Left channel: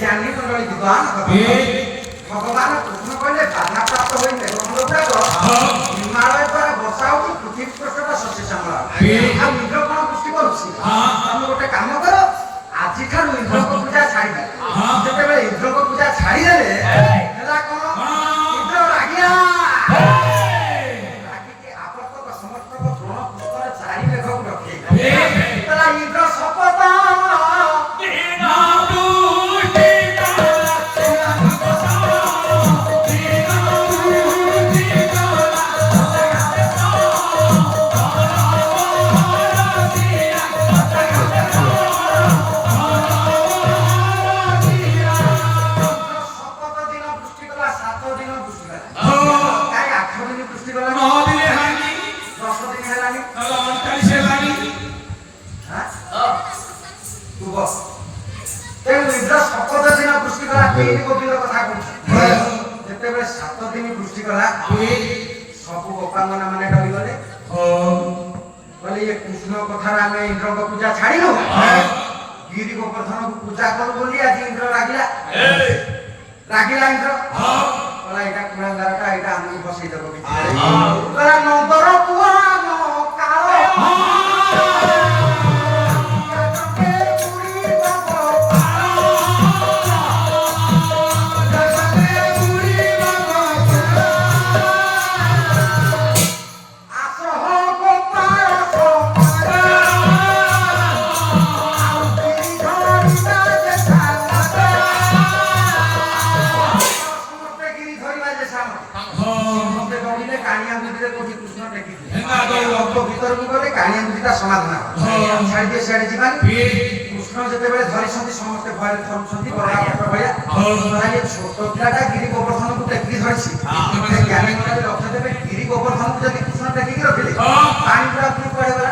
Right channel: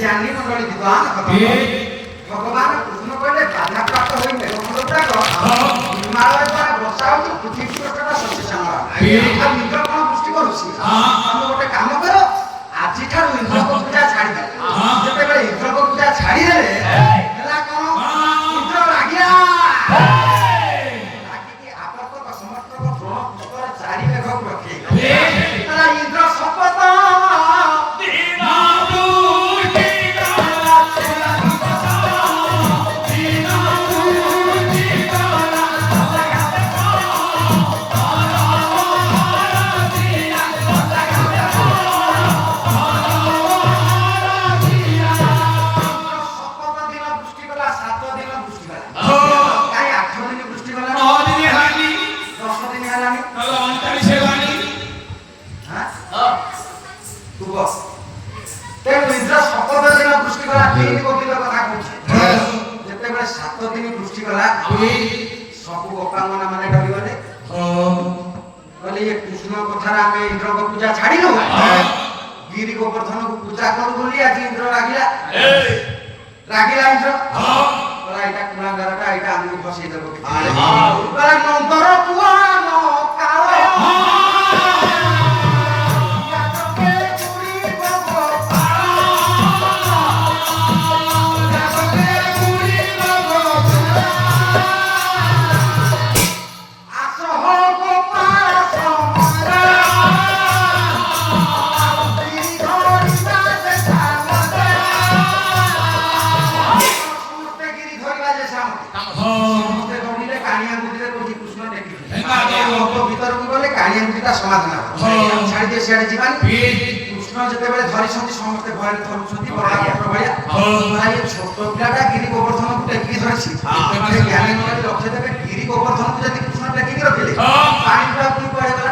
জ্ঞানী মণ্ডলী বিদ্বান ভগবান কৃষ্ণ কহিলে বাধা প্রাপ্ত হই মেঘমণ্ডলটাক হিমালয় দ্বারা বর্ষা হচ্ছে পৃথিবী পৃষ্ঠটা শস্য শ্যামଳ ইন্দ্র কোন পুষ্টি করুছি তুমি গোটে কাম কর আজি ঠাରୁ ইন্দ্রক পূজা ছাড়ি দে যেତେବେଳେ ইন্দ্রক পূজা ছাড়ি দেলে ହେଲା কোন ইন্দ্র রাগিয়া রাগিକି ଆପତକ ସମର୍ଥକ ଦ୍ରୋଣ ପୁଷ୍କର ଚାରି ମେଘକୁ ରଖେ ତାର ଇନ୍ଦ୍ର ଶପଥ सब गोपाल माने डरिगले कहले ये कृष्ण कथार आमे इंद्र को पूजा छाड़िलो गिरी गोवर्धन को पूजा कर बोली आज इंद्र रागिला इंद्र बोला एटा कुणागारटा एटा आमु बसई देबो बोला नंदर पुराण कावे कृष्ण जेतेबेले धरिसंती समस्त भय धरुछंती छोट पिलाटा गिरी गोवर्धन को टेकी धरछि ज्ञानी मन लक्ष्य देबे गिरी गोवर्धन को जदि कृष्ण टेकी रखिले पानी पूरा की पड़ेगा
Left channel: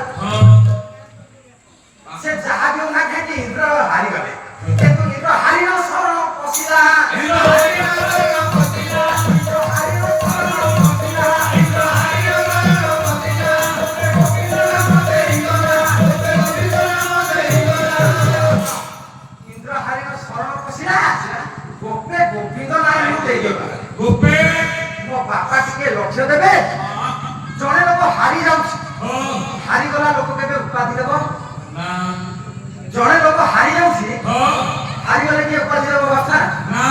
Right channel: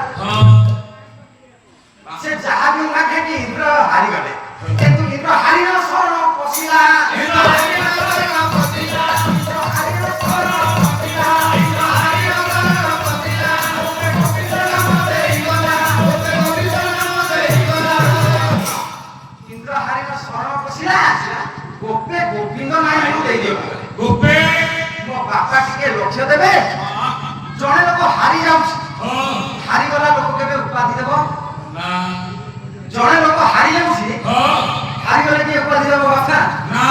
से जहा भी ना खेती इंद्र हारी गले किंतु इंद्र हारी न शरण पसिला इंद्र हारी न शरण पसिला गोपे गोविंद नाई दे देबो गोपे मो बापा टिके लक्ष्य देबे जणे लोक हारी जाउछ हारी गला लोक केबे उपाधि देबो ना जणे लोक हारी जाउछि हारी गला के उपाधि देबो बापा ना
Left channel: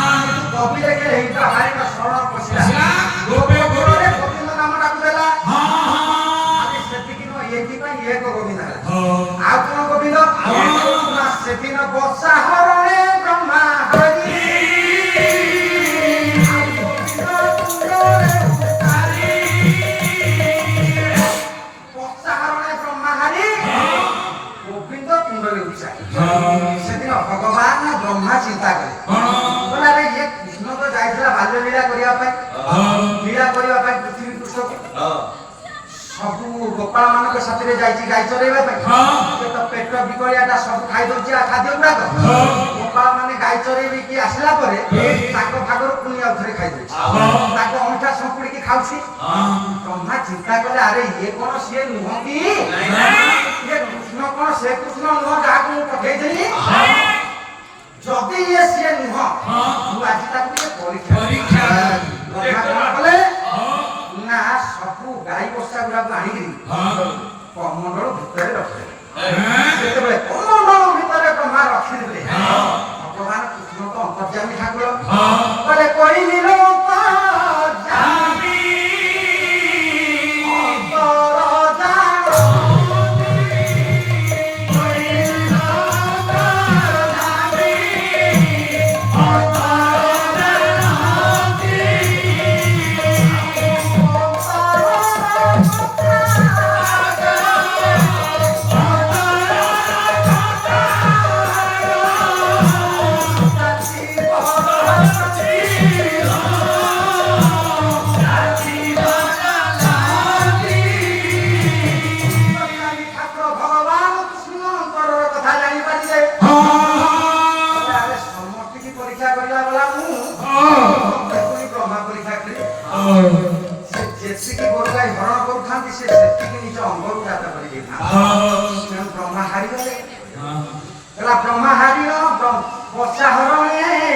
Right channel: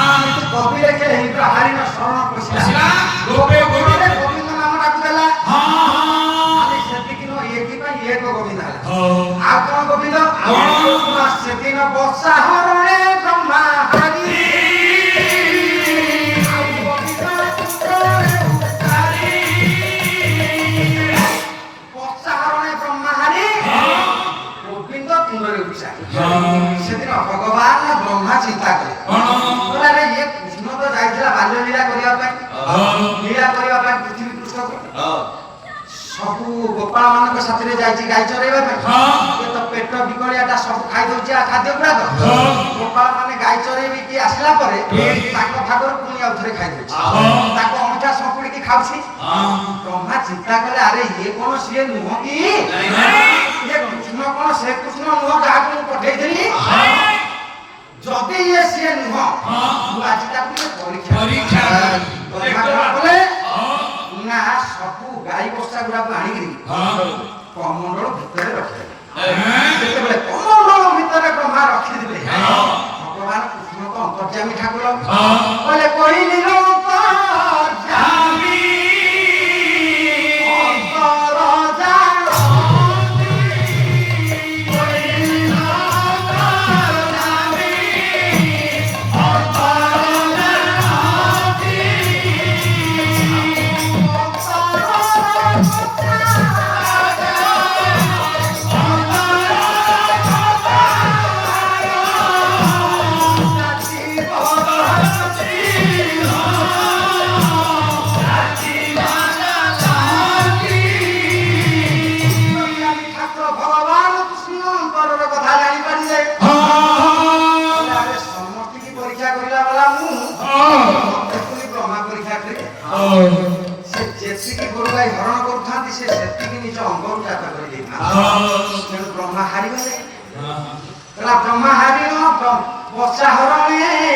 कवि लेखे हेई तो हारी न शरण पसिला गोपे गोविंद गोविंद नाम डाक देला हां अरे सेति किनो एकी पई एक गोविंद आ कोन गोविंद आ सेति न वर्षा हरणे ब्रह्मा भगवान ब्रह्मा चिंता करे बोला रे ये कृष्ण तो जाइला बाल्य लीला करिया पे पृथ्वी पृष्ठ सब गोपाल मान के साथ रे जाइछि गाय चरेबा पे तो पेट बिकरियाटा सब खाइ दउछि खाद्य गुडा गोपाल माने गाय चरेबी की आसला परे ताको ठाकुर पुनी आउथरे खाइ दउछि ताको अंठा संपुड़ी की खाउछि ब्रह्मा चिंता करे अरे ये कोन सिए नुह की ये कृष्ण कोन से कृष्ण नुह जाक मु पठै दिली जदी ये सिए नुह मु आज ताको परीक्षा बोले ना सब गाई बस्ता गुडा आनी करी कमंडल भितर रखे सेते कमंडल भितर ब्रह्मा रखि दिले भगवान कृष्ण को अंतर्यामी ठाकुर बोले कोई नीलो ब्रह्मा हारी गले ब्रह्मा हारी वर्षा हरणे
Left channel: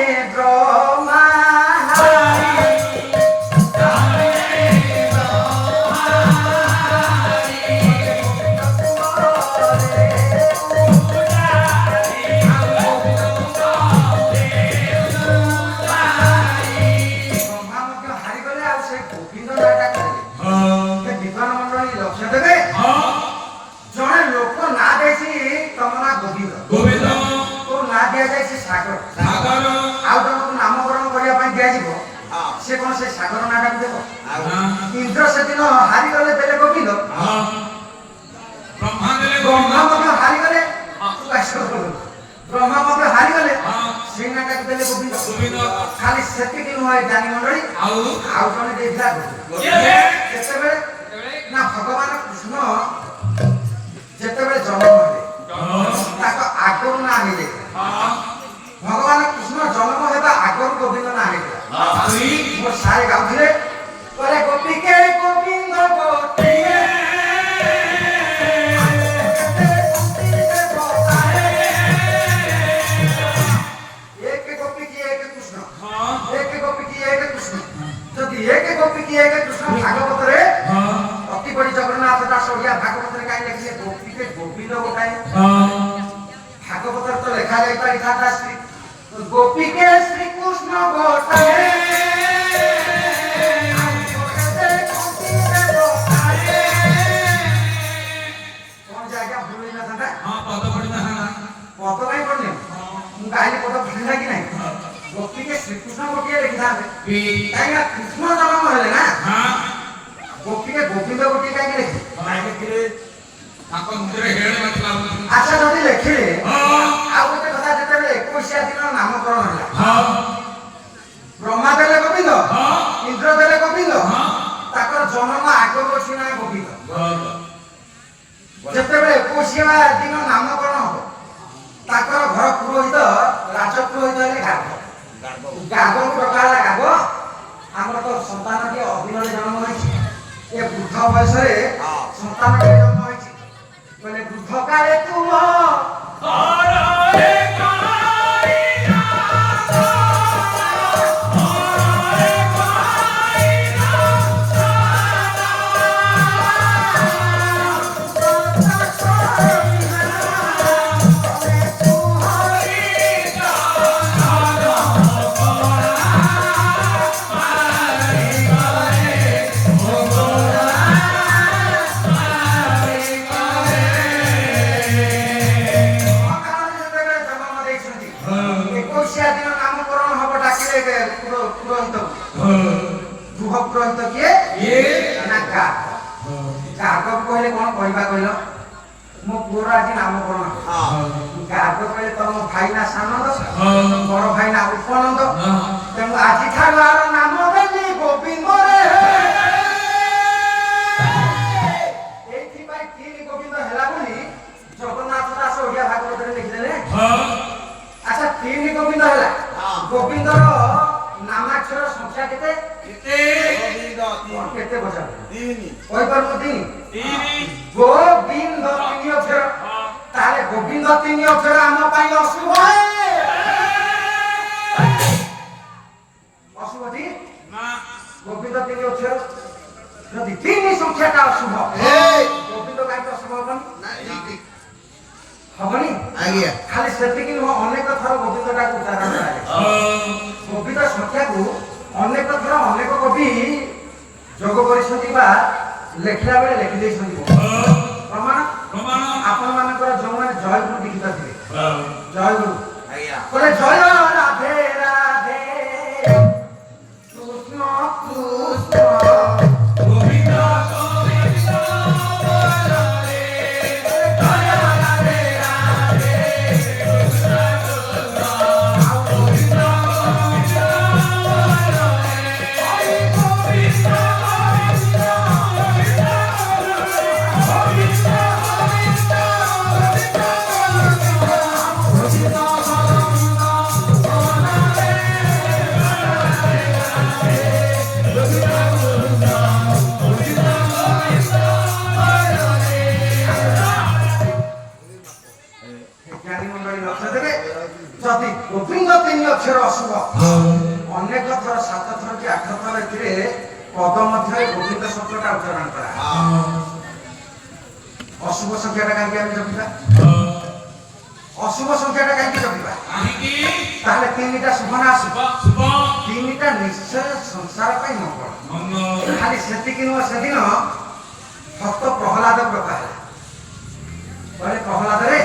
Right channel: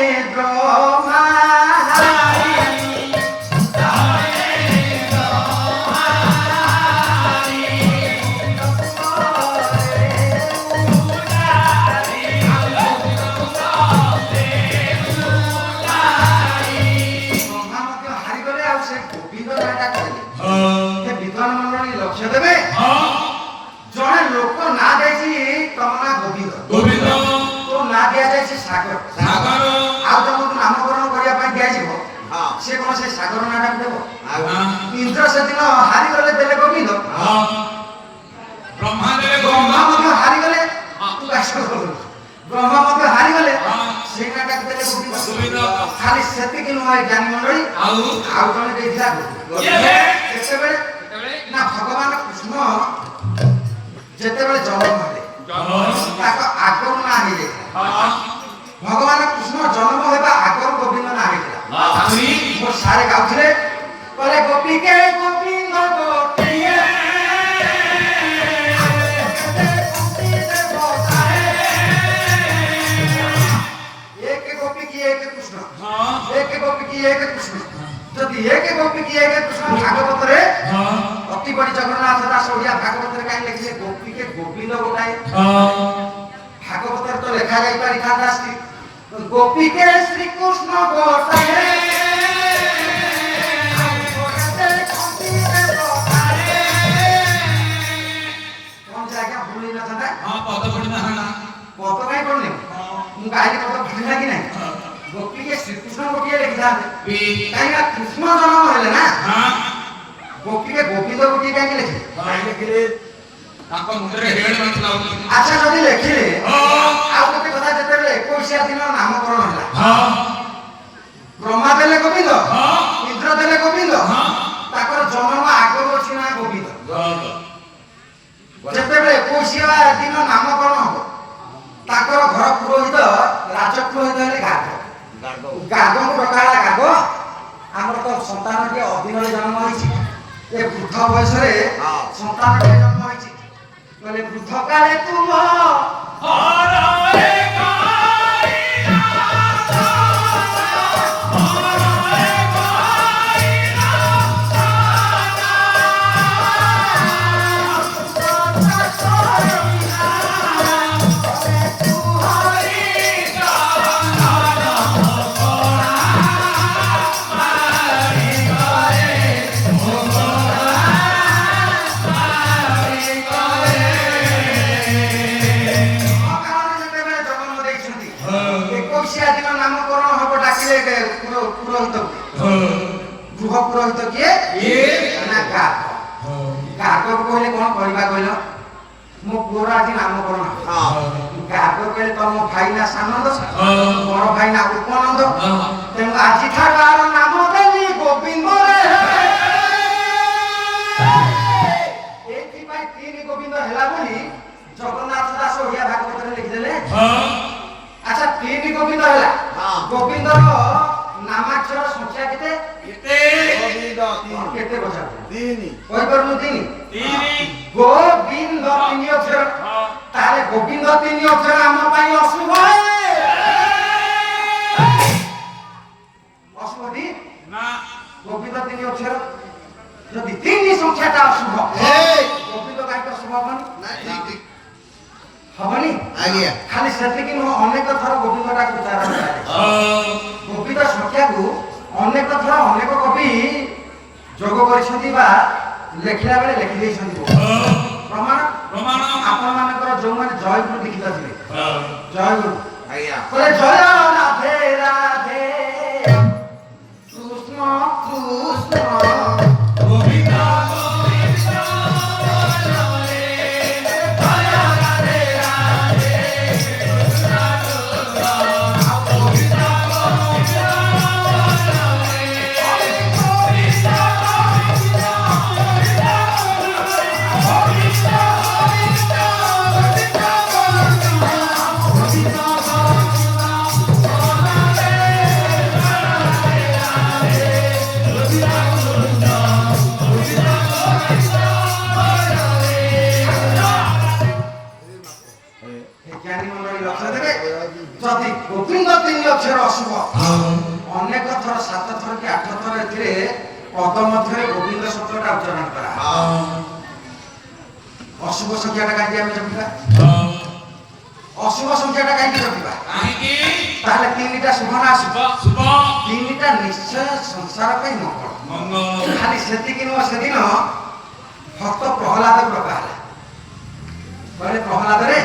ସାଗର ସାଗର ଆଉ ଜଣଙ୍କୁ ନାମକରଣ କରିବା ପାଇଁ ଦିଆଯିବ ସେ କଣ ସେ ସାଗର ନାଁଟାକୁ ଦେବ? ଇନ୍ଦ୍ର ସେଦିନ ହାରିଗଲେ ଦେଲେ ଗୋବିନ୍ଦ, ବ୍ରହ୍ମା ଦେଲେ ବ୍ରହ୍ମା ଗୋବିନ୍ଦ, ମଧ୍ୟ ହାରିଗଲେ ବ୍ରହ୍ମା ମଧ୍ୟ ହାରିଗଲେ ସେଇ ନାଁଟାକୁ ଦେଲେ ଗୋବିନ୍ଦ। ଖାଲି ସେତିକି ନୁହେଁ ଜ୍ଞାନୀ ମଣ୍ଡଳୀ, ଆଉ ଜଣେ ଦେଇଥିଲା ଯେତେବେଳେ ନା ଭଗବାନ କୃଷ୍ଣ ଯେତେବେଳେ ଜନ୍ମ ହେଲେ ତାଙ୍କ ଆଗରୁ ନାଁ ହେଇଯାଇଥିଲା। ଭଗବାନ କୃଷ୍ଣ ଜନ୍ମ ହେବା ଆଗରୁ ଗୋବିନ୍ଦ ନାଁ ହେଇଥିଲା। ମୋ ସାରେ ଗାଉଥିଲେ ପରେ ଗୋପୀକେ ଗୋବିନ୍ଦ ଗୋଟିଏ एक गोपी की एक कृष्ण, एक गोपी की एक कृष्ण। जदि एक गोपी की एक कृष्ण भागवत रे अति बड़ी जगन्नाथ दास ओडिया भागवत रे काई लिखिले गोपी के गोविंद गोटाए। भागवत रे तो लिखा जाई पारि था श्री गोपी के श्री कृष्ण गोटाए। कौन जाएगा भूल ना था? हां पद पड़ी ना पद भाई पड़ने ମୁଁ କାହିଁକି ପଦ ଭୁଲିଲା କି ନାହିଁ? ଗୋପୀ के ଶ୍ରୀକୃଷ୍ଣ ଗୋଟିଏ ଲେଖିଥାନ୍ତେ କାହିଁକି କୃଷ୍ଣ ଜନ୍ମ ହେଲେ ନା। ଗୋପୀ के ଗୋବିନ୍ଦ ଗୋଟିଏ କାହିଁକି ଲେଖିଲେ? ଲେଖିଲେ ତାଙ୍କ ମୁଣ୍ଡରେ ହେଡ ନଥିଲା। ଆଚ୍ଛା ଯଦି ଲେଖିଲେ ଆଉ ଗୋଟେ କଥା, ଯେତେବେଳେ 21 ଦିନ ନାମକରଣ ହେଲା ବ୍ରହ୍ମା ଦେଲେ ଗୋବିନ୍ଦ, ଇନ୍ଦ୍ର ଦେଲେ ଗୋବିନ୍ଦ, ତାଙ୍କର ଜନ୍ମ ଆଗରୁ ଅଛି ନା ଗୋବିନ୍ଦ। ଯେତେବେଳେ 21 ଦିନ ନାମକରଣ ହବ ତାଙ୍କର ଘର ପୁରୋହିତ ରାଜ ପୁରୋହିତ ହେଲେ ଗାର୍ଗ। ଗାର୍ଗକୁ ଡକା ହେଲା ଗାର୍ଗ, ଆମର ତ ସନ୍ତାନଟି ଅଦିନରେ ଜନ୍ମ ହୋଇଛି, ଏ ବୃଦ୍ଧ ବୟସରେ ସନ୍ତାନଟି ଜନ୍ମ ହୋଇଛି, କହିଲେ ବୃଦ୍ଧ କାଳେ ତୁମ ଗୃହ ପୁରୋହିତ କିଏ ନା ଗାର୍ଗ। ଗାର୍ଗକୁ କହିଲେ କଣ କହିବା କହିଲ? ମୋ ପୁଅର ଆଜି ନାମକରଣ। ଗାର୍ଗ କହିଲେ ତମ ଭାଇ ନା ସାନନ୍ଦ, ବଡ ଭାଇ ନା ଉପନନ୍ଦ, ତେଣୁ ଆଜିଠାରୁ ଆର ନାମ ଦେଲି ଗୋବିନ୍ଦ ରେ। ଏଇଥିପାଇଁ ତିନି ଗୋବିନ୍ଦ ହେଲା ବୋଲି ଜଗନ୍ନାଥ ଦାସ ଓଡିଆ ଭାଗବତରେ ଲେଖିଦେଲେ। ଆଚ୍ଛା ତିନି ଗୋବିନ୍ଦ ହେଲା, ଗୋବିନ୍ଦର ନାମାକ୍ଷର ସଂଖ୍ୟା କେତେ? କେତେ ବଜା? କହିପାରୁନ ତିନି? ଗୋବିନ୍ଦ ତିନି ଅକ୍ଷର, ତାହେଲେ ଗୋବିନ୍ଦ ତିନି ଅକ୍ଷର ଆମ ପାଇଁ ଅଶୁଭ। ଅଶୁଭଟି ଗୋବିନ୍ଦ ତିନି ଅକ୍ଷର, ଯଦି ତିନି ସଂଖ୍ୟାଟା ଅଶୁଭ ଗୋବିନ୍ଦ କାହିଁକି ଅଶୁଭ ହବନି? ହବନି? ଖାଲି ସେତିକି ନୁହଁ, ଅନେକ ଥର ଗୋବିନ୍ଦଟାକୁ ଉଚ୍ଚାରଣ କରାଯାଏ। ଗୋବିନ୍ଦ ସଂଖ୍ୟାକୁ ଅନେକ ଥର ଅନେକ କବି ଯୋଗ କରିଛନ୍ତି ବା ଲେଖିଲା ବେଳେ ଲେଖି ଦେଇଛନ୍ତି। ପ୍ରମାଣ ଆପଣମାନଙ୍କର ଯୋଉମାନେ ଜୟଗୁରୁ ଲିଖିତ ଥିବେ, ଜୟଗୁରୁ କହିଲେ ଜୟ ରାଧେ ରାଧେ କୃଷ୍ଣ କୃଷ୍ଣ ଯଦି ଗୋବିନ୍ଦ ତିନି ଅକ୍ଷର ଅଶୁଭ, ଅନେକ ଥର 7 ଥର କି 8 ଥର ଏଥିରେ ପଦ ମଧ୍ୟରେ ଗୋବିନ୍ଦ ଶବ୍ଦଟା ଉଚ୍ଚାରଣ କରା। ଅଶୁଭ ସଂଖ୍ୟାଟା କାହିଁକି ଆମେ ଜପିବା? ଅଶୁଭ ସଂଖ୍ୟାଟା କାହିଁକି ଜପିବା? ତାହେଲେ ତିନିଟା ଶୁଭ ନା ଅଶୁଭ? ତିନିଟା ନିଶ୍ଚୟ ସଂସାର ପାଇଁ ମଙ୍ଗଳ। ଖାଲି ସେତିକି ନୁହଁ, ସେଦିନ ଭକ୍ତ ପ୍ରହ୍ଲାଦ ପ୍ରକା ହେଲା। କହିଲେ ପ୍ରହ୍ଲାଦରେ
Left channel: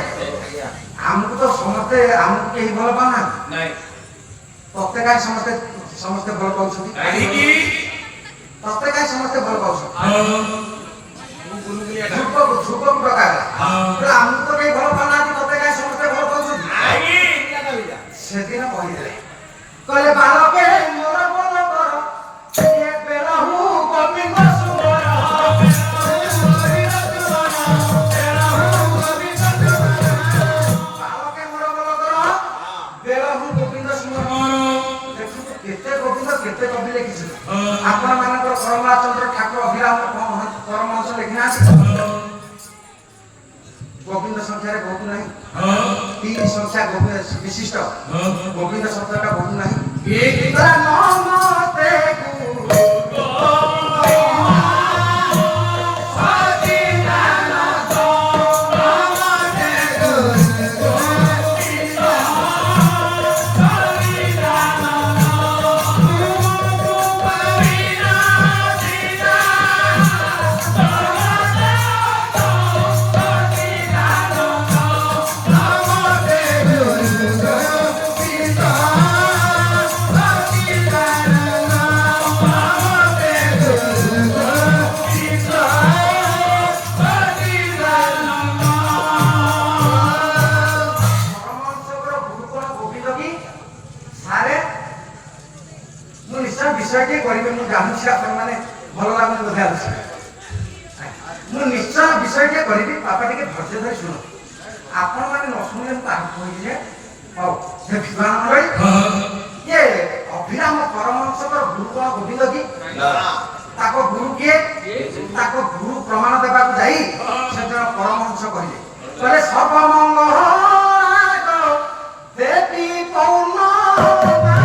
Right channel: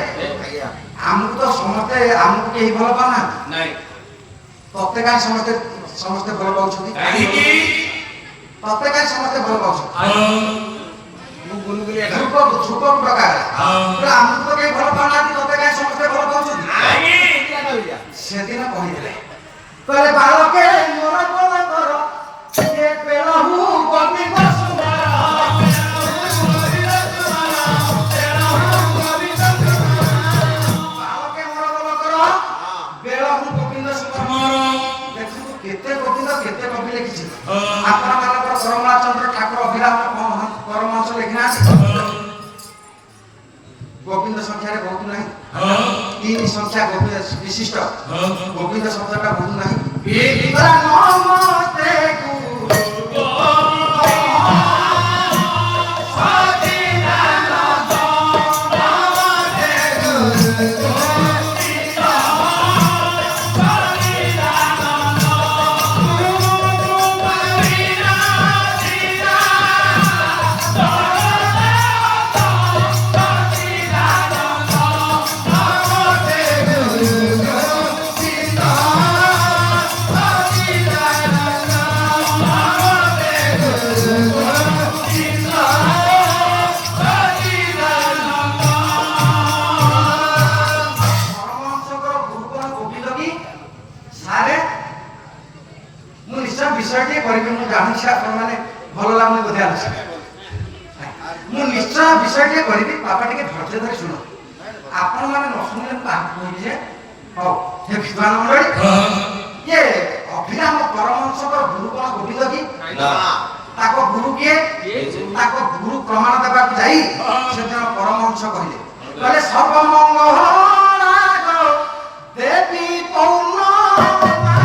ଆମକୁ ତ ସମସ୍ତେ ଆମକୁ କେହି ଭଲ ପାଉନାହାନ୍ତି ନାଇଁ ତତେ କାହିଁ ସମସ୍ତେ ସମସ୍ତେ ଭଲ ପାଉଛନ୍ତି କାହିଁକି ତତେ କାହିଁ ସମସ୍ତେ ଭଲ ପାଉଛନ୍ତି ମୁଁ ଗୁଲଗୁଲିଆ ଧ୍ରୁବକୁ ଡକା ହେଲା ଆମକୁ ତ କେହି ଭଲ ପାଉନାହାନ୍ତି ତତେ କାହିଁ ସମସ୍ତେ ଭଲ ପାଉଛନ୍ତି କାହିଁକି ସେଦିନ କହିଥିଲେ କହିଲେ ବାଳକେ ମୋର ବୋଧ କର ଏ ବେଳହୁ ଗୋବିନ୍ଦ ସୁନ୍ଦର ବାଳକେ ମୋର ବୋଧ କର ବେଳହୁ ଗୋବିନ୍ଦ ସୁନ୍ଦର ଦେଖନ୍ତୁ କେତେ ଗୋବିନ୍ଦ କେତେ କବି ଲେଖିଛି ଆପଣମାନଙ୍କର ପରମାଚନ୍ଦ୍ର ଠାକୁର ଅଭିରାମ ପରମହଂସ ଲେଖିନାହାନ୍ତି ଗୋବିନ୍ଦ ସଂଖ୍ୟାରେ ବହୁତ ନାହିଁ तीन संख्या गोविंद विशिष्ट गोविंद शब्द का बहुत नहीं नमस्ते विषयटी करेंगे मुझे जानी आपने भल लगे बोधे मुझे निश्चय विषयटी करी बापा टे धैर्य धरी शुण आपण मैंने न शुणे मुझे हाँ हे विद्वान मंडली ये अभिराम परमहंस गुरुकुल गोविंद की ताको गुरु किए ताको गुरु प्रमाण देवा जाई से परमहंस कहले सर्वमंगल देवी पौर्णमासी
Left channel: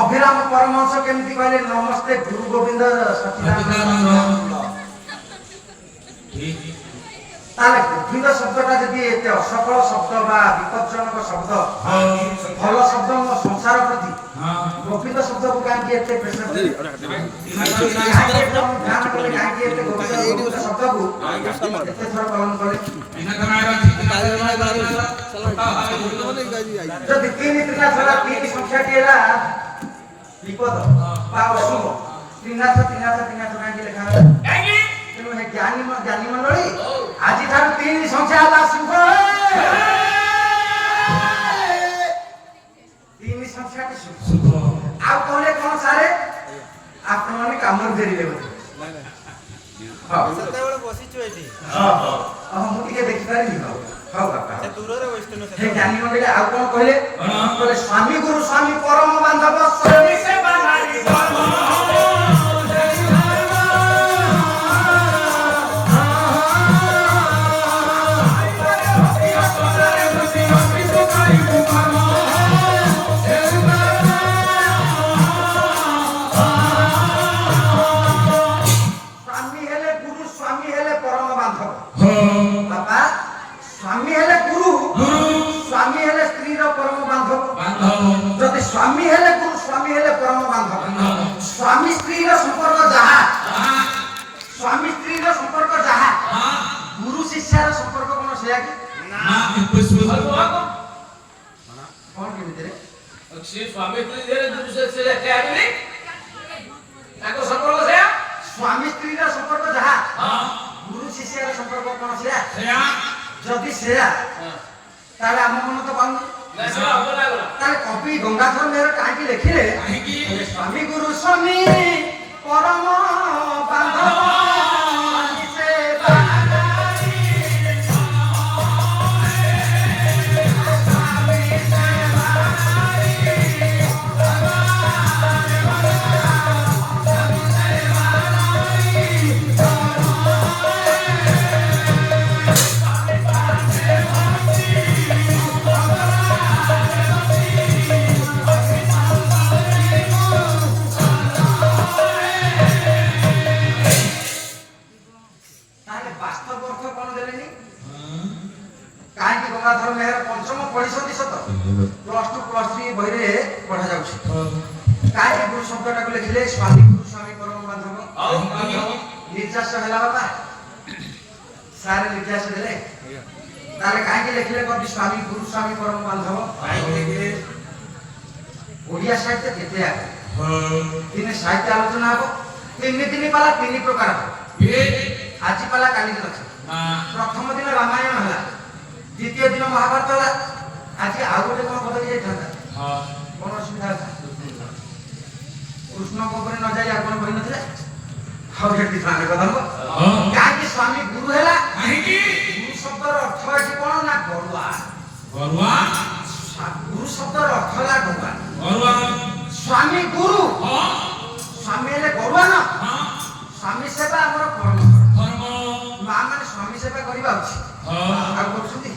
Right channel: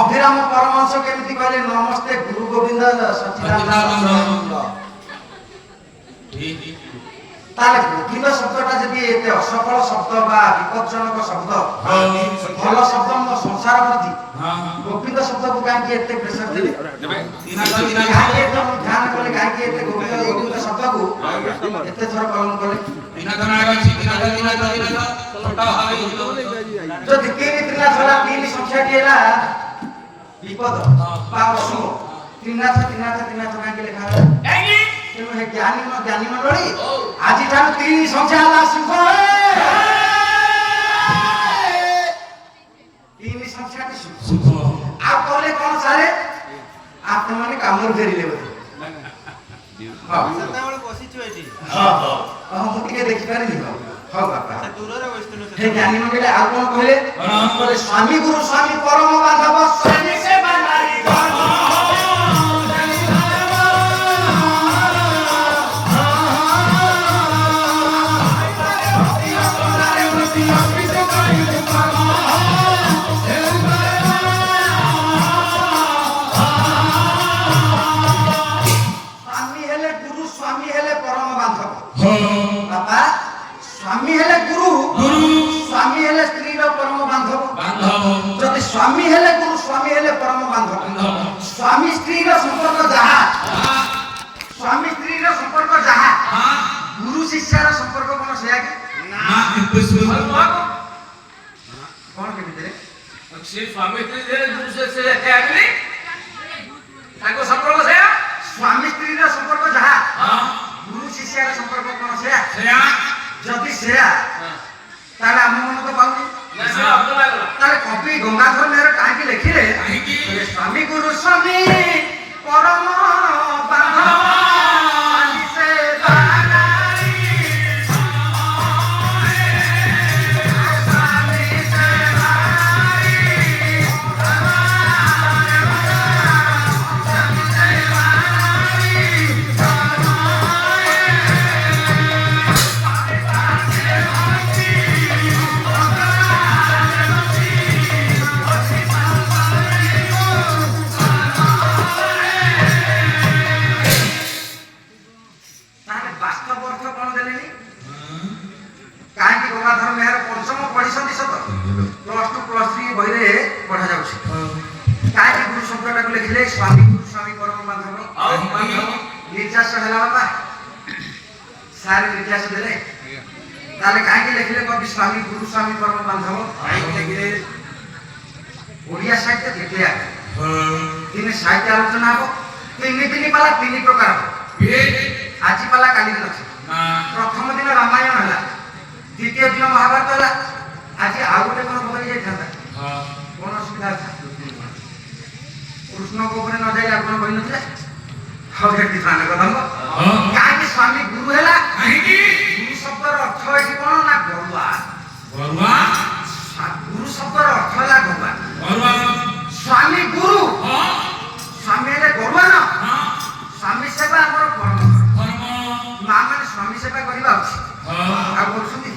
अभिराम परमहंस केमती कहले नमस्ते गुरु गोविंद सच्चिदानंद ताले गोविंद शब्दटा जदि एते असफल शब्द बा विपज्जनक शब्द भल शब्द संसार प्रति गोविंद शब्द को काहे एते प्रेशर दे ध्यान कले काहे एते गोविंद शब्द को एते थोड़ा पालन करे बिना धनारा छोटा भावे जो तीन धरा तीन संख्या केला विपद बा अशुभ त्रिनाथ काहे लिखा है काहींकी तेणु हे ज्ञानी मंडली आज ठार तीन संख्या ला शुभ तीन संख्या के शुभ आ कहले कोन सारे आपण माने काम फेरी ले हां सतावळ बसिछु एठी हां हम टिके देखि पारि हो हां बाबा से दूररे वस्तु हे ज्ञानी मंडली आ कोन कहले कहले स्वामी गुरु स्वामी परम बांधव स्वयं से बांधारी धर्म स्वामी हेले गुरु स्वामी हेले परम बांधव स्वामी स्त्री रो संपर्क जहा स्वामी स्त्री रो संपर्क जहा गुरु शिष्य रो संपर्क कोन सेया के ना इम्पॉसिबल कोन के भीतर श्री स्वामी स्त्री जे गुरु से त्यागली ताको संपर्क सेया स्वामी स्त्री रो संपर्क जहा हां गुरु शिष्य रो संपर्क कोन सेया सेया जदि सेया ताले हम मन तो पाउनी ना से हमको लागला ताले कवि गंगाधर मेहर काहे के लिखिले काहींकी स्वामी गुरु स्वामी परम बांधव स्वामी से बांधारी स्वामी से ଗଙ୍ଗାଧର ମେହେର ପଞ୍ଚମ ପଢିଛନ୍ତି ସତ +2 +3 ବହିରେ ପଢା ଯାଉଛି କାହିଁକି ଗୁରୁ ଶବ୍ଦଟାକୁ ଲେଖିଲେ ସ୍ୱାମୀ ଗୁରୁ ସ୍ୱାମୀ ପରମ ବାନ୍ଧବ ଆଉ ବାନ୍ଧବ ନିର୍ଯାସ ହେଲା ବାପା ସାରେ ନିର୍ଯାସ ଦେଲେ ତାହେଲେ କାହିଁକି ଲେଖିଲେ କବି ସ୍ୱାମୀ ଗୁରୁ ସ୍ୱାମୀ ପରମ ବାନ୍ଧବ କାହିଁକି ଲେଖିଲେ ଓଡ଼ିଆ ସାହିତ୍ୟ କେତେ ଆଗରେ ଦିନେ ସାହିତ୍ୟ ଆଲୋଚନା ହବ ତିନି ପାଲା 3 ପ୍ରକାର ହବ ଆଜି ପାଲା କାଲି ଦିନ ଅଛି ପ୍ରଥମ ଦିନ ରାମାୟଣ ହେଲା ଦ୍ୱିତୀୟ ଦିନ ମହାଭାରତ ହେଲା ଆଜି ଆଉ ଗୋଟେ କଣ ବଦଳି ଯାଇଥାନ୍ତା କଣ ଅସୁବିଧା ହେଲା କୃଷ୍ଣଙ୍କ ଉପରେ ନ ଯାଇ ଆଉ କଣ ବହି ନଥିଲା ଆଉ ଏଠି ସ୍ନାନ କଦମ୍ବ କାହିଁକି ସ୍ୱାମୀ ଗୁରୁ ହେଲା ଗୁରୁ ଶବ୍ଦର ଅର୍ଥ ଏଠି କଣ ନା ଗରୁଆ ଗୁରୁ ଶବ୍ଦର ଅର୍ଥ ହେଲା ଗରୁଆ ସ୍ୱାମୀ ଗୁରୁ ସ୍ୱାମୀ ହେଲେ ଗରୁଆ ନା ସ୍ୱାମୀ ସେବା ଆମର କର୍ମ ମା ମାନେ ସ୍ୱାମୀ ସେବା କରିବା ଉଚିତ ଆଉ କରୁଛନ୍ତି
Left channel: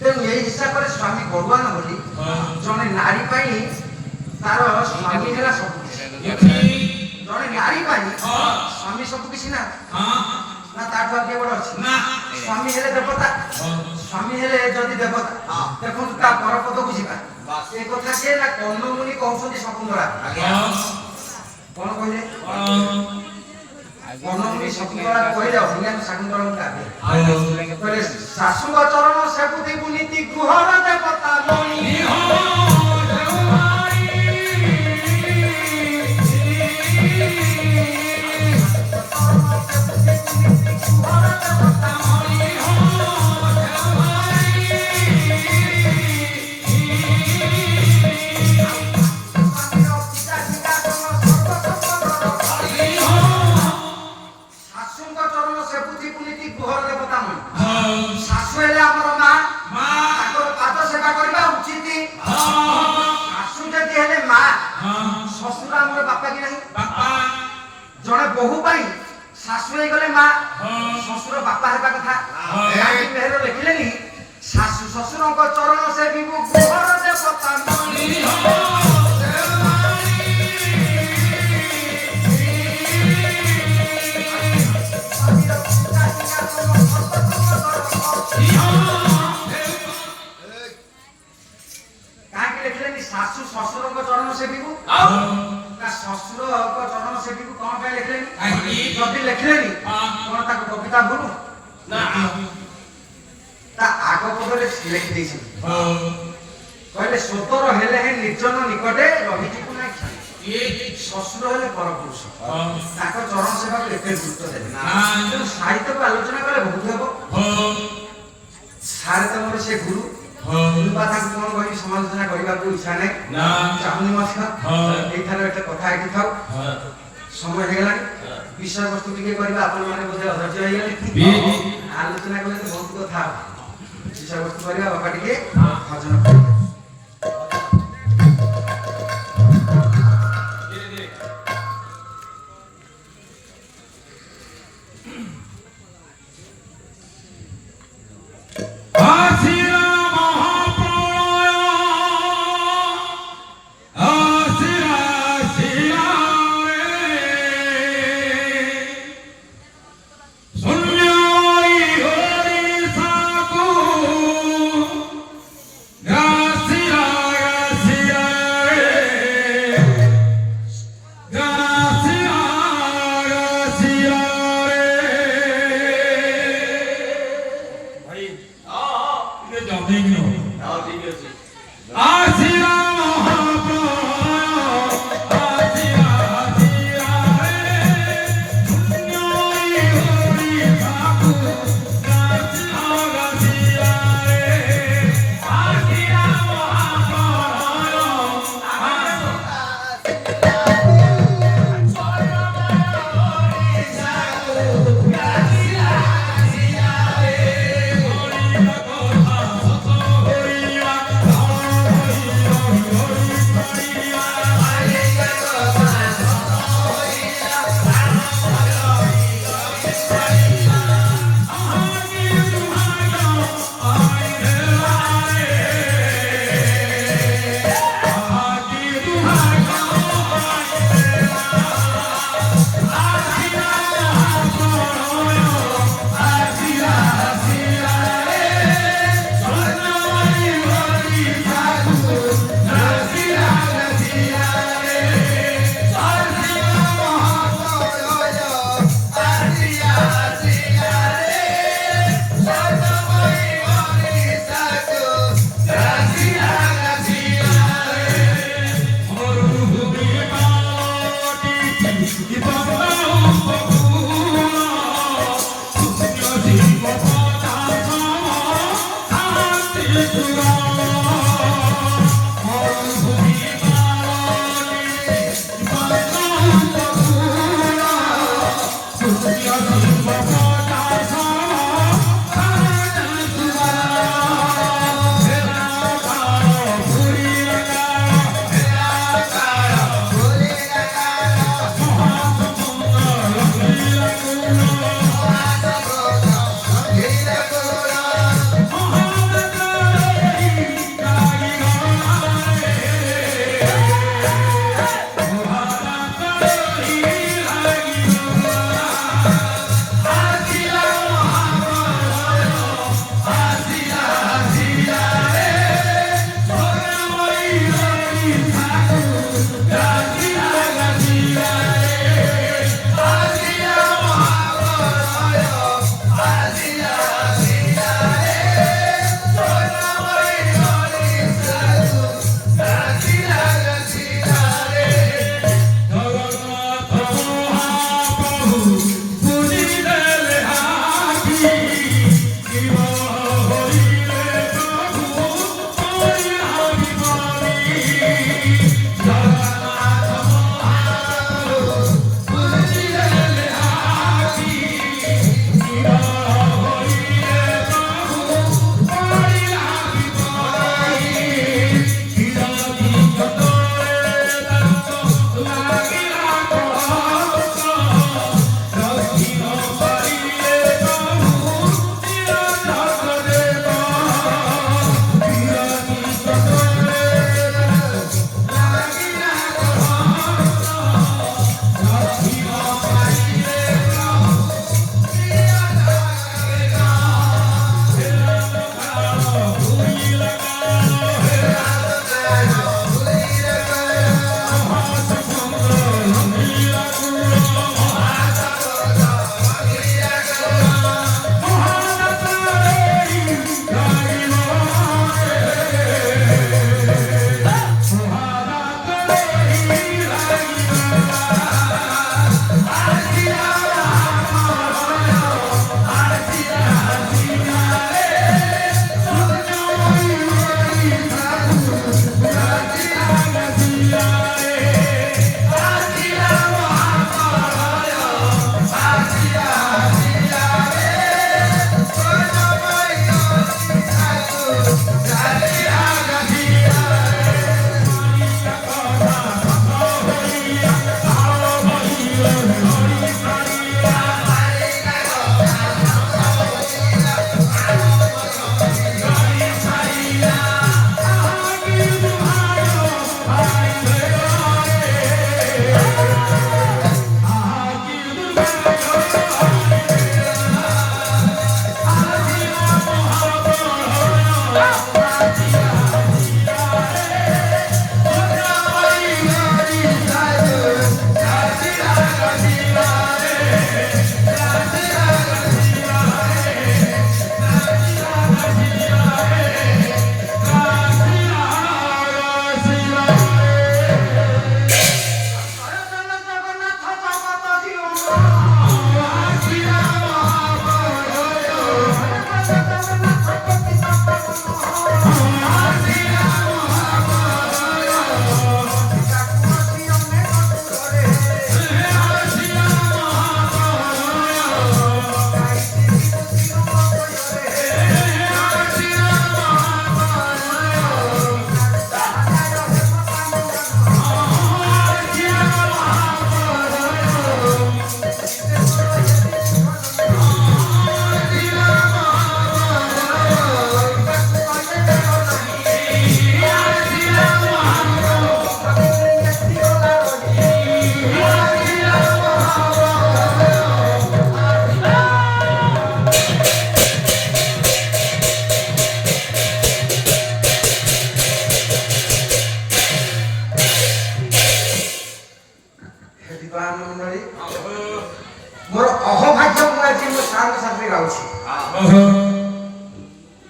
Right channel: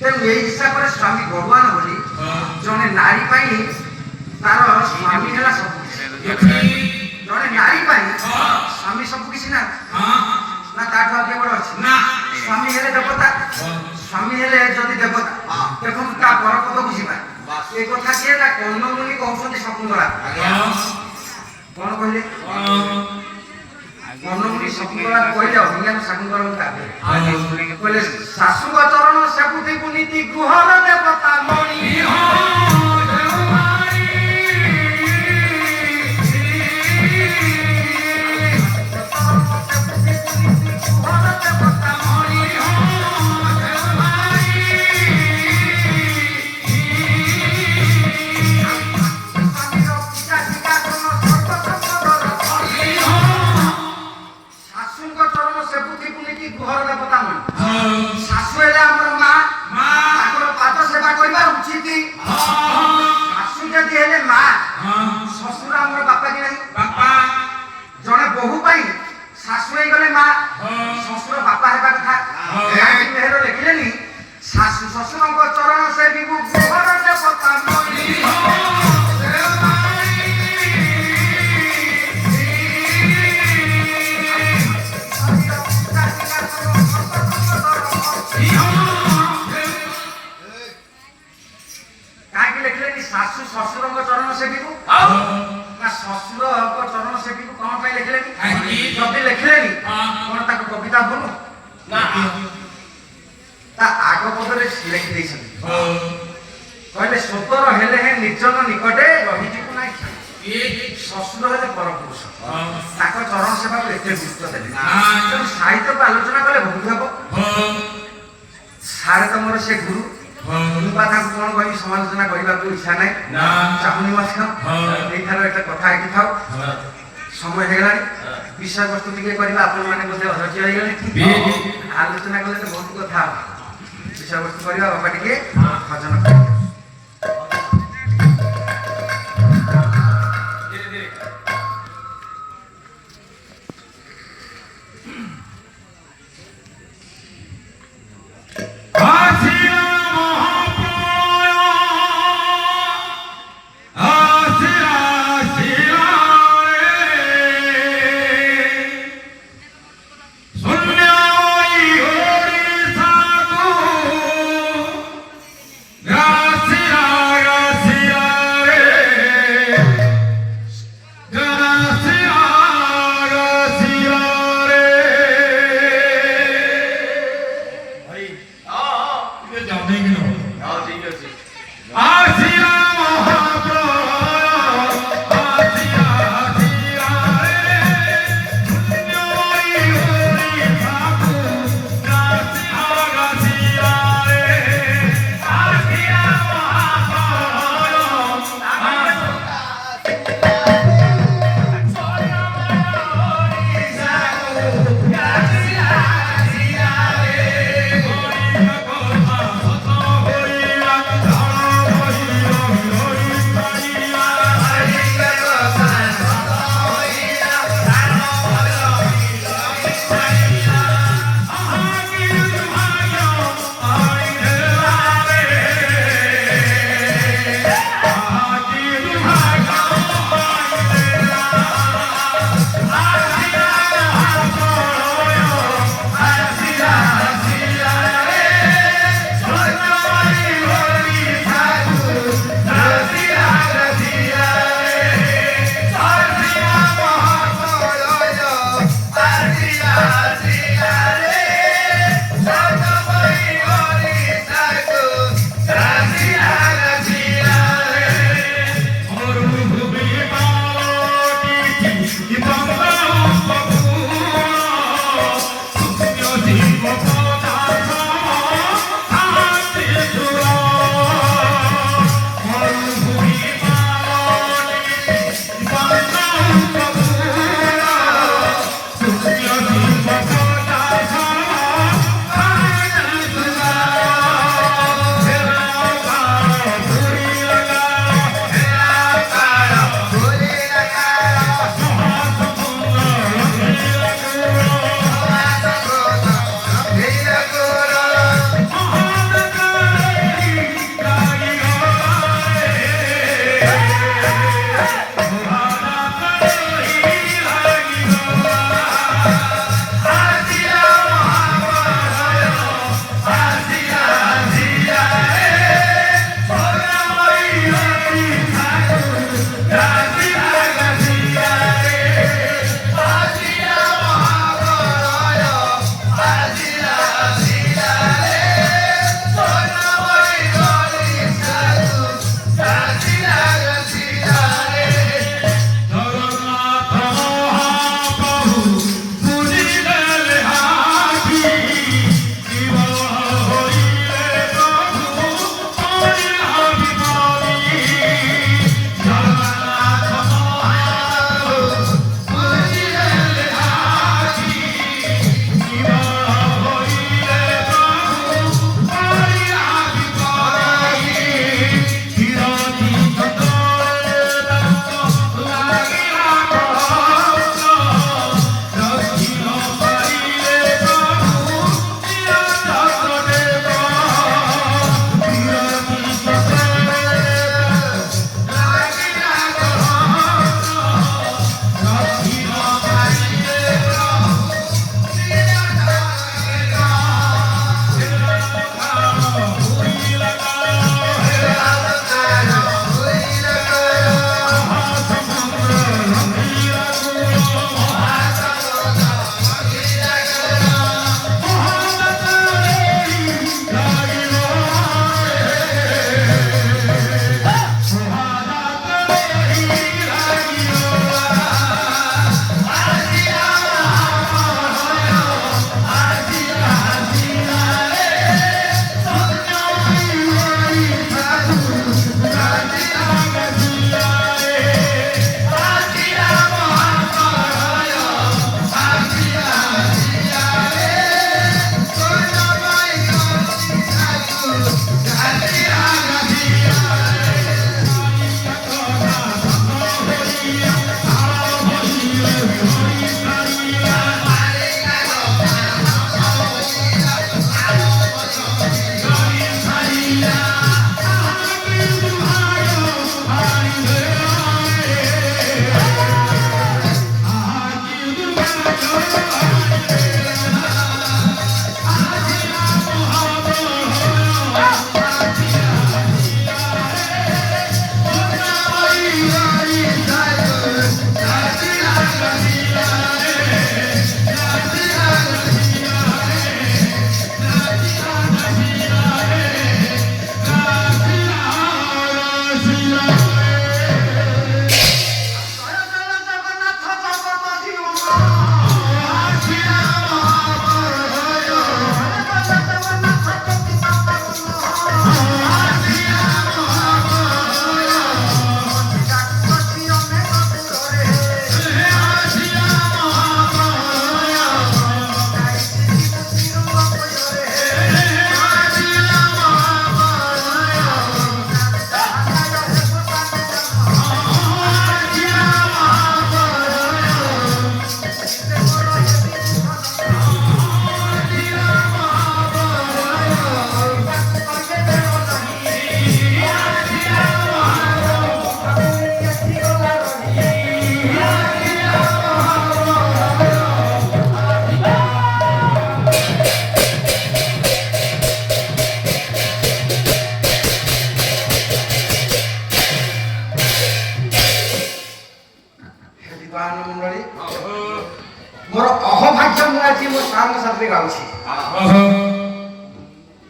ତେଣୁ ଏଇ ହିସାବରେ ସ୍ୱାମୀ ଗରୁଆ ନ ବୋଲି ଜଣେ ନାରୀ ପାଇଁ ତାର ସ୍ୱାମୀ ହେଲା ସବୁ ଜଣେ ନାରୀ ପାଇଁ ସ୍ୱାମୀ ସବୁ କିଛି ନା ତାଠୁ ଆଗେ ବଡ ଅଛି ସ୍ୱାମୀ ହେଲେ ଦେବତା ସ୍ୱାମୀ ହେଲେ ଯଦି ଦେବତା ଦେଖନ୍ତୁ ତା ପରପଦକୁ ଯିବା ଏ କଥା କିଏ ନା କର୍ଣ୍ଣମୁନି କହୁଛନ୍ତି ଶକୁନ୍ତଳା କଣ କହିଲେ କର୍ଣ୍ଣମୁନି ଶକୁନ୍ତଳା କହିଲେ ଅଭିଜ୍ଞାନ ଶକୁନ୍ତଳାଙ୍କୁ କାବେ କହିଲେ ଶାଶୁଙ୍କ ଚରଣ ସେବୁଧିକୁ ନୀତି ଗୃହର ଦେବତା ମଣି ଜଣେ ବୋହୂ ପାଇଁ ଶାଶୁ ହେଇଗଲେ ମା ଶ୍ୱଶୁର ବାପା ହେବା କଥା ମେହେର ଲେଖିଲେନି ଶାଶୁ ଶ୍ୱଶୁରଙ୍କ ଚରଣ ସେବିକୁ ଗୃହର ଦେବତା ମଣି କାହିଁକି ଲେଖିଲେନି ଶାଶୁ ଶ୍ୱଶୁରଙ୍କ ଚରଣ ସେବିକୁ ନା ଶ୍ୱଶୁରଙ୍କ ଚରଣ ସେବିକୁ କଣ ପାଇଁ ଲେଖିଲେନି ଯଦି ଲେଖିଲେନି କଣ ତାକୁ କବିତା ଭୁଲ ତା ଆଗ ପଦରେ ଲେଖି ଦେଇଛନ୍ତି କହିଲେ ସୋତର ହେଲେ হে ନିର୍ଜନ ନିକଟେ ରହିଯିବୁ ନାହିଁ ଶ୍ୱଶୁର ହେଲେ ପରପୁରୁଷ ତାଙ୍କ ଚରଣ ସେବାକୁ ଏତେ ଗୁରୁତ୍ୱ ଦେଲେ ତେଣୁ ସାହିତ୍ୟକୁ ଆଲୋଚନା କଲେ ବହୁତ ହେବ ସାରେ ତମର ସେ ଗୁରୁ ମୁଁ ତାଙ୍କୁ କଣ କହିବି ସମାଲୋଚନା କରିବାକୁ ଇଚ୍ଛା ନାହିଁ ଚାହୁଁନି ମଧ୍ୟ ଏଇଥର ଏଟା କଥା ଏଠି ଥାଉ ସମୟ ହେଇଗଲାଣି ବିଷୟବସ୍ତୁ ଟିକେ କରିବା ଆପଣ ମାନେ ବୋଧେ ଅଧୈର୍ଯ୍ୟ ହେଇଗଲେ ଆଲୋଚନା କଲେ ତ ବହୁତ କଥା ବିଷୟବସ୍ତୁ କରିବା ବାପା ଟିକେ ଭଜନ କରିବା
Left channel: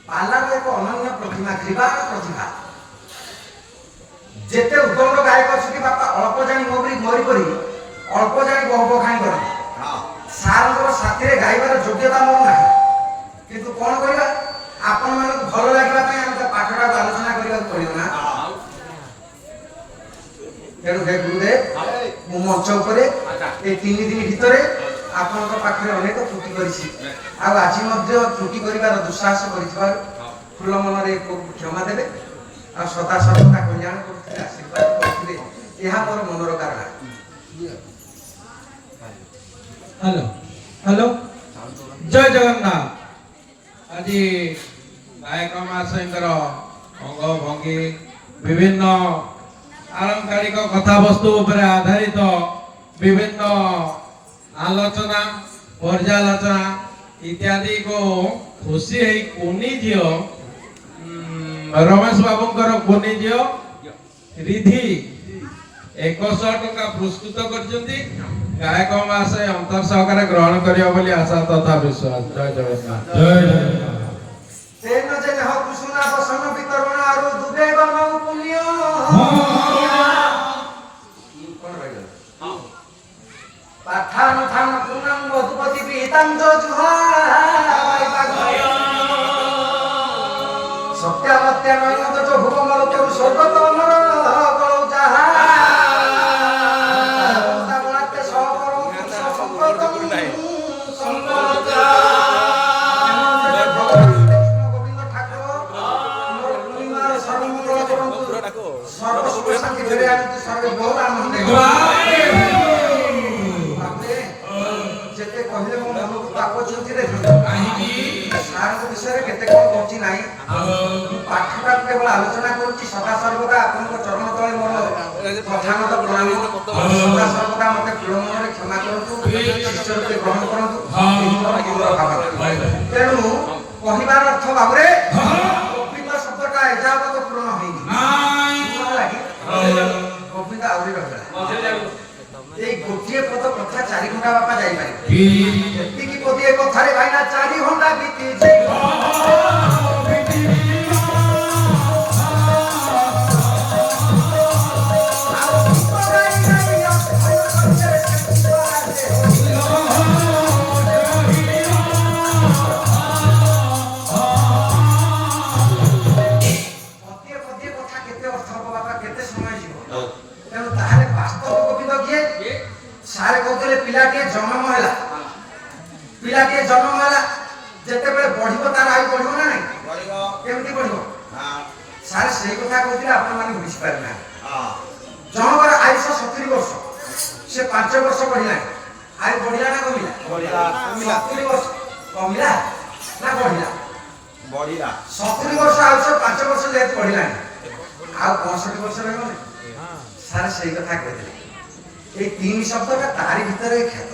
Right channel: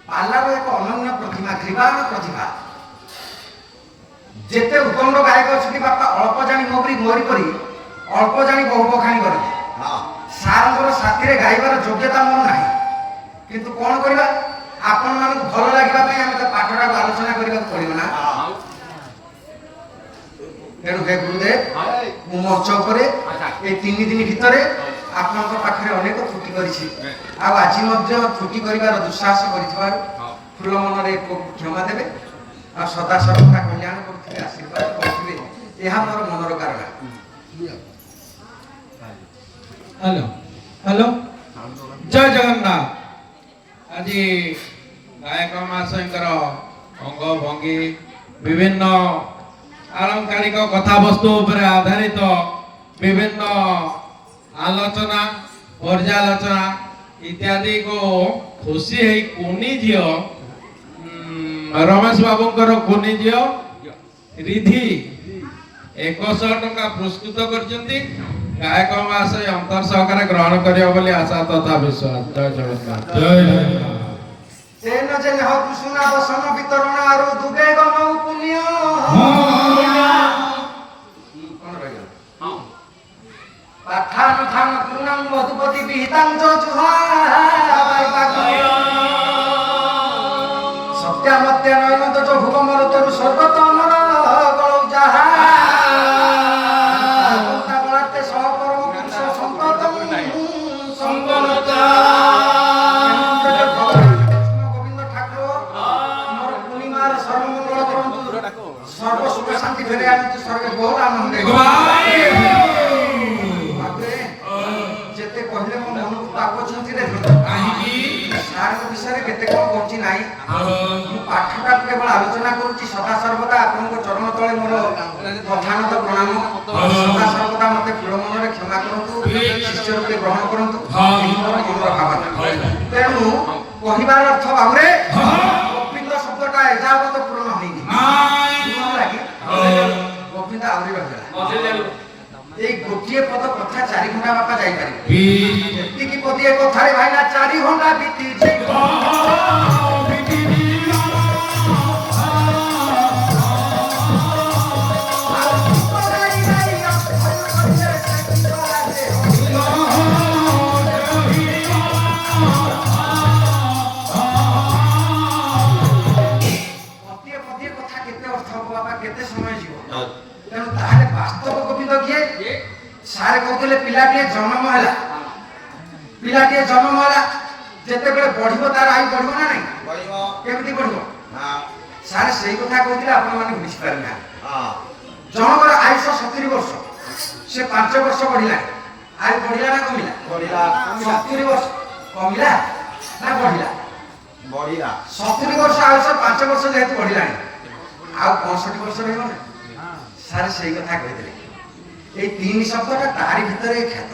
ପାଲାର ଏକ ଅନନ୍ୟ ପ୍ରତିଭା ତ୍ରିବାଣ ପ୍ରତିଭା। ଯେତେ ଉତ୍ତମ ଗାୟକ ଅଛନ୍ତି ବାପା ଅଳ୍ପ ଜାଣି ମୋରି ମୋରି କରି ଅଳ୍ପ ଜାଣି ବହୁ ବଖାଣି କରନ୍ତି। ସାରଙ୍କର ସାଥିରେ ଗାଇବାର ଯୋଗ୍ୟତା ମୋର ନାହିଁ, କିନ୍ତୁ କଣ କରିବା ଆପଣ ମାନଙ୍କୁ ଭଲ ଲାଗିବା ପାଇଁ ଆମେ ପାଠଟାକୁ ଆଲୋଚନା କରିବାକୁ ପଡିବ ନା। ତେଣୁ ହେ ଗୁରୁଦେବ, ମୁଁ ମଞ୍ଚ ଉପରେ এই 3 ଦିନ ଭିତରେ ଆପଣଙ୍କ ପାଖରେ ଅନେକ ତ୍ରୁଟି କରିଛି, ଆଉ ଆଜି ମଧ୍ୟ ତ୍ରୁଟି କରିବାର ଦୁଃସାହସ କରିଥିବାରୁ ଖୁଲା ମନରେ କ୍ଷମା ଦେବେ, ଆଉ ସଦା ସର୍ବଦା କଲ୍ୟାଣ କରୁଥିଲେ ଆଶୀର୍ବାଦ କରୁଥିଲେ, ଏହା ମୋର ମନର କାରଣ। হ্যালো হ্যালো জয় জগন্নাথ। আজি গায়ক মহাশয়ଙ୍କର ଅଙ୍ଗ ଭଙ୍ଗୀ ବିଭିନ୍ନ ଆଳଙ୍କାରିକ କଥାବସ୍ତୁ ଉପରେ ଆଧାରିତ ବିଭିନ୍ନ ଆଲୋଚନା ପର୍ଯ୍ୟାଲୋଚନା ଇତ୍ୟାଦି को ଖୁସି ହେଇ କୁନି ଝିଅ ରମେଶ ବାବୁଙ୍କର କୁନି ଝିଅ ରିଧି 100 ଟଙ୍କା ପୁରସ୍କୃତ କରିଛନ୍ତି। ଗାୟକ ମହାଶୟ ଅନ୍ତର ସହକାରେ ଗ୍ରହଣ କରିବ ବୋଲି ଆଶା ତଥା ବିଶ୍ୱାସ। ଜୟ ଜଗନ୍ନାଥ। ଜୟ ଜଗନ୍ନାଥ। ତେନ ଯେ ନେହ କୁସୁନା ବସନ ବିତରଣ ଆରୁ ଦୁବେ ବନଉ ପୁଣ୍ୟ। କଣ ରହିଲା? ପାଠାନ ଥାନ କୁନାଂ ମଧୁପତି ବିହିତାଂ ଜୁହା ସତ୍ୟାମତ୍ୟା ନୟନ ତ ଭୁବ ମରୁତରୁ ସ୍ୱର୍ଗତ ଅନର ଗଳଉ ଯାହା ବଳାତେ ସହପରମ ପୁରୁଷ ସମ୍ପଦ ସମ୍ପଦ গোবিন্দ ঠাকুর মোর পূর্ণিমার সর্বমঙ্গল করন্তু সর্ব সুখ শান্তি ফেরে আনন্তু স্বর্গে বহু আনন্দ যেতে কহিলে মো মনକୁ ପାପ ଚିନ୍ତିରେ ସାରଙ୍କ ବିଷୟରେ କେତେ କଣ କହୁଛି ନାହିଁ, ମୁଁ ପାଠଟା କେବଳ ଆଲୋଚନା କରୁଛି। ସଦା ସର୍ବଦା ଆପଣଙ୍କ ଚରଣ ତଳେ ମୋର ପ୍ରଧାନତ ପ୍ରଣାମ। ସଦା ସର୍ବଦା ମତେ ଦୃଢ଼ ମନରେ କ୍ଷମା କରନ୍ତୁ, ଶିଷ୍ୟ ରୂପେ ଗ୍ରହଣ କରନ୍ତୁ, ମୋର ମନର ଭାବନା। ତେଣୁ କହିବାର ଅର୍ଥ ଭାବରେ ଗୋବିନ୍ଦ ଶବ୍ଦଟା ଏଯାବତ ପୂରଣ ହୋଇନି, ଗୋବିନ୍ଦ ଆହୁରି ରହିଲା। এই গোটিয়ে পদ কথা 4 ঘন্টা বাপা যাই পারে, এତିকি পদিয়ে কথারে ভাইনা 4 ঘন্টা বিতি যাই। ପିଲାଟିଏ ଜନ୍ମ ହେଲା, ପିଲାଟିଏ ଜନ୍ମ ହେଲା ଯେତେବେଳେ ବଢିବ ତାର ଆୟୁ ବଢିବ ନା ନାହିଁ? କେମିତି ବଢିବ? ସାର୍ ସେଇ କଥା କହୁଥିଲେ, ଆପଣ ମାନେ ବୁଝିପାରିଲେ। ଜଣଙ୍କର ଆୟୁଷ 70 ବର୍ଷ, ସେ 5 ବର୍ଷ ବଢିଲାଣି, ଆୟୁ ବଢିଲା ନା କମିଲା? 70 ବର୍ଷ କମିଲା ନା ବଢିଲା? 70 ବର୍ଷ ଆୟୁଷ 5 ବର୍ଷ ଯେହେତୁ ବଢିଲାଣି, ଆଉ 65 ବର୍ଷ ରହିବ ନା? ସାର୍ ସେଇ କଥା କହିଥିଲେ। এই 3 শব্দটা তারি ভিতরে খ্যাত।